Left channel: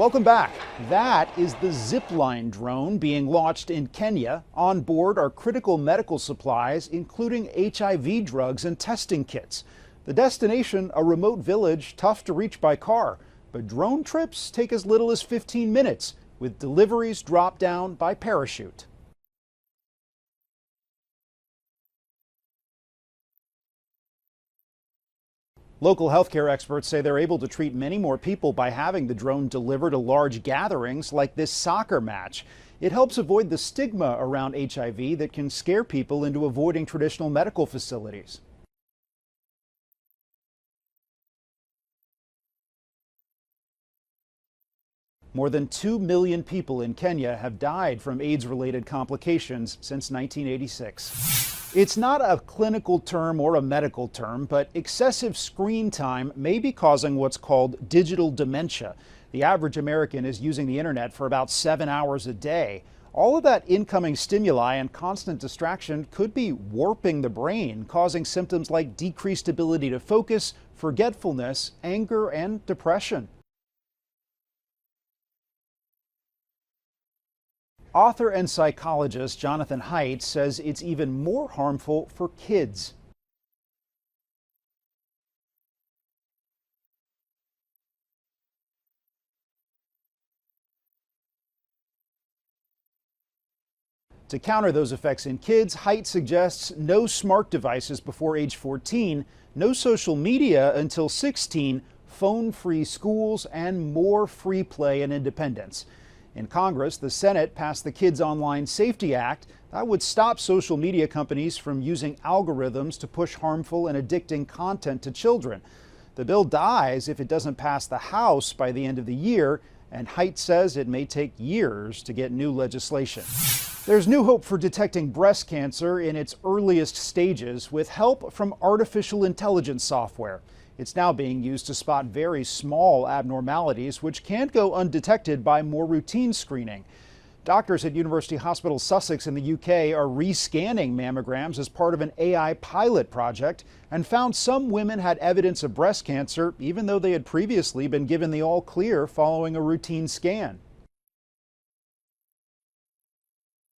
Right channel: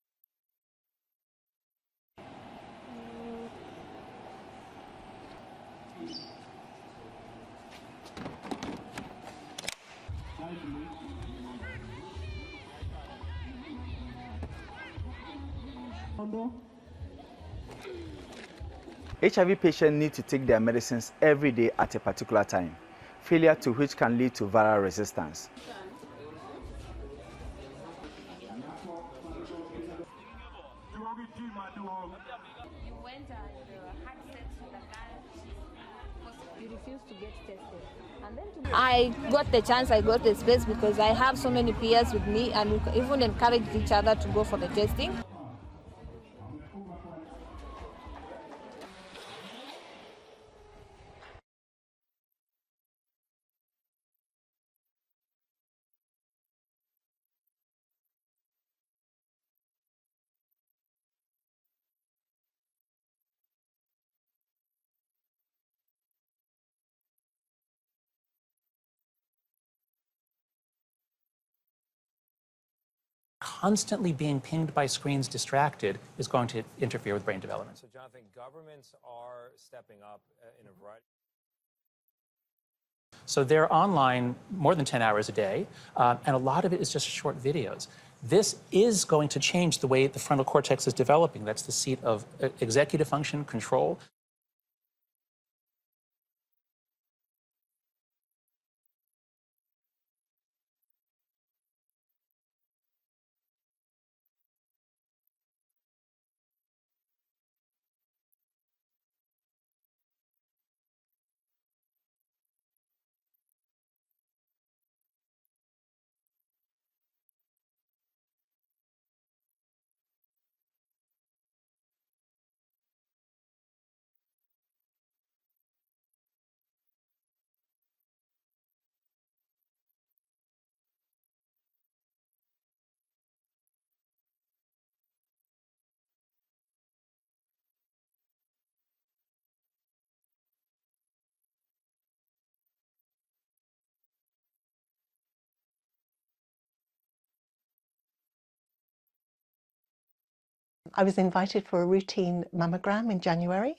Welcome back. That is the Zipline drone being launched in Kenya. On board are critical medical supplies, including HIV drugs and testing kits. The destination, a remote village, tough to reach by car. But drone trips take as little as 15 minutes, with deliveries dropped down by parachute. HIV patients need to take their medicines every day at a particular time, failure to which can lead to viral resistance. Local healthcare experts say they're able to treat many more people by having the drone delivered to large gatherings like this soccer match. It helps avoid the stigma around HIV that can scare people into avoiding traditional medical facilities. I got the chance, I got the space because I have so many peers with me, and we even encouraged each other to go for the testing. More than 2 million people in Kenya have died from AIDS-related complications since 1986. It's not a clinical term or a medical term, but excessive screen time may be causing what's called digital dementia. The average American is using the internet for about 7 hours a day. All of that incoming stimuli and constant distraction could be warping the brain, causing symptoms like decreased ability to focus, forgetfulness, anger, and depression. Constantly being pinged by screens, distracted, is going to interfere with brain development. Author and psychologist Jonathan Haidt says it's even more harmful for kids. So they're online more than 10 hours a day, and a lot of it is just short videos. This is going to change the way the frontal cortex is developing. That's the seat of executive function, control. To counter those effects in kids, Haidt suggests no smart devices before age 14, no social media until 16, phone-free schools, and more free play and independence. In Congress, the Senate passed the Kids Online Safety Act that would stop social media companies from using algorithms to push harmful and addicting content to children. The bill dies if it doesn't pass the House by the end of the year, and Haidt says it may take years to get new legislation. There's new hope for detecting breast cancer in its earliest stages with help from artificial intelligence software. It's now being used to spot very small abnormalities which can't go undetected by more routine screening. Doctors at University Hospital Sussex in the UK are rescanning mammograms as part of an AI pilot project and found some women had evidence of breast cancer even though they had previously been given the all clear following a routine scan. I was invited for a routine mammogram in January,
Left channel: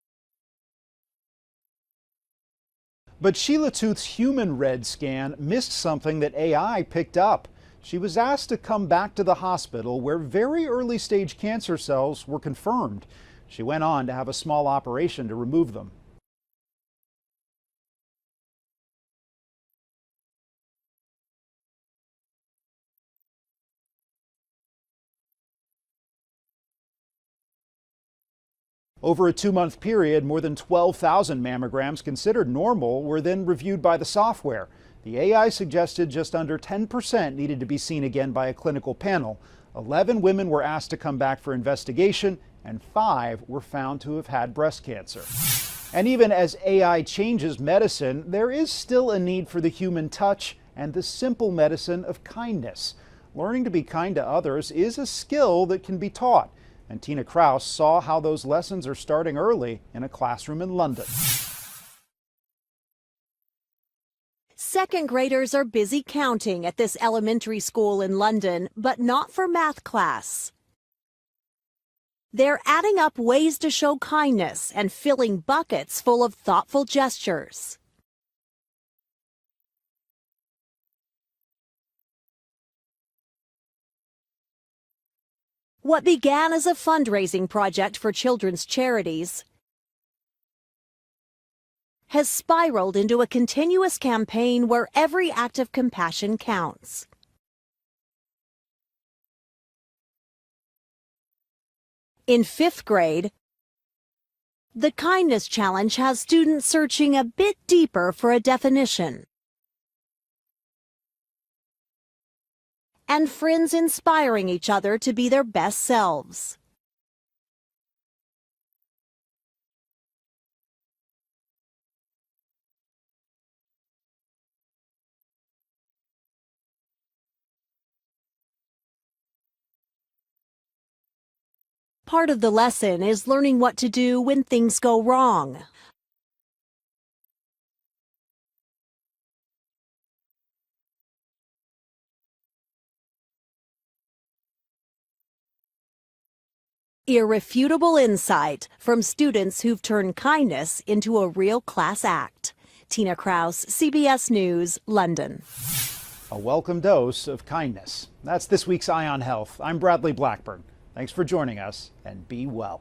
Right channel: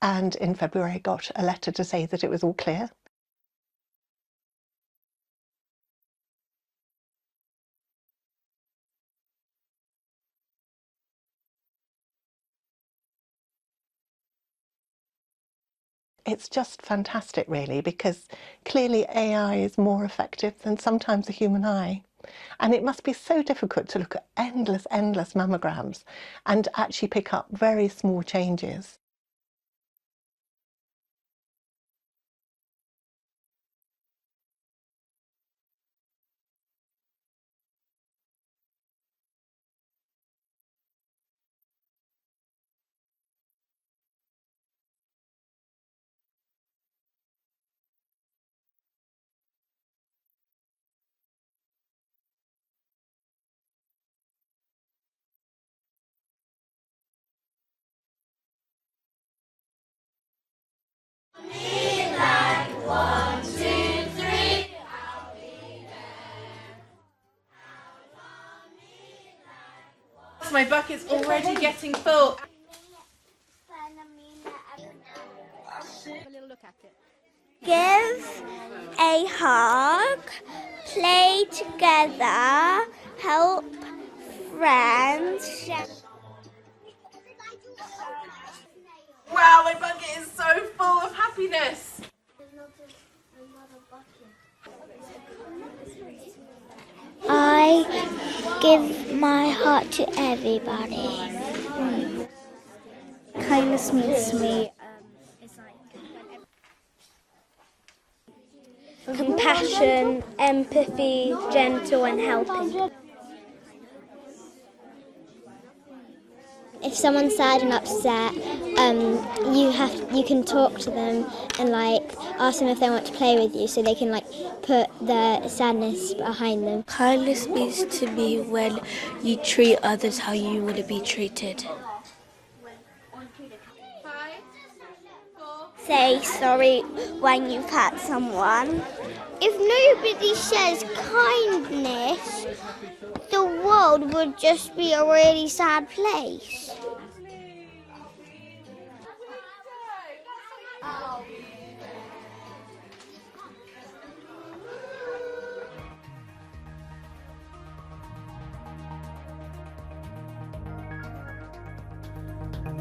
and in February I got a letter to say that it was all clear. But Sheila Tooth's human red scan missed something that AI picked up. She was asked to come back to the hospital where very early stage cancer cells were confirmed. She went on to have a small operation to remove them. It's just fantastic, really, because clearly AI is more effective than sometimes a human eye. And it must be so difficult to look at endless mammograms and actually pick up very small changes. Over a 2-month period, more than 12,000 mammograms considered normal were then reviewed by the software. The AI suggested just under 10% needed to be seen again by a clinical panel. 11 women were asked to come back for investigation, and 5 were found to have had breast cancer. And even as AI changes medicine, there is still a need for the human touch and the simple medicine of kindness. Learning to be kind to others is a skill that can be taught. And Tina Kraus saw how those lessons are starting early in a classroom in London. Second graders are busy counting at this elementary school in London, but not for math class. My bucket's already getting full. They're adding up ways to show kindness and filling buckets full of thoughtful gestures. Give a hug, play together, help friends. What began as a fundraising project for children's charities Wow, my bucket is so full of happiness. has spiraled into a continuous campaign where every act of compassion counts. I give my heart to everybody. In 5th grade, Kindness means to me the Kindness Challenge has students searching a bit deeper for a definition, compassion, empathy, gentle and helping. and friends inspiring each other to be their best selves. If someone's sad and upset, you can talk to them and ask them if they want to play with you, so they can put their sadness behind them. Kindness means to me when you treat others how you want to be treated. Part of the lesson is learning what to do when things go wrong. Say sorry when you've hurt someone. If nobody says kindness, the world would just be a really sad place. Irrefutable insight from students who've turned kindness into a real class act. Tina Kraus, CBS News, London. A welcome dose of kindness. That's this week's Eye on Health. I'm Bradley Blackburn. Thanks for joining us, and be well.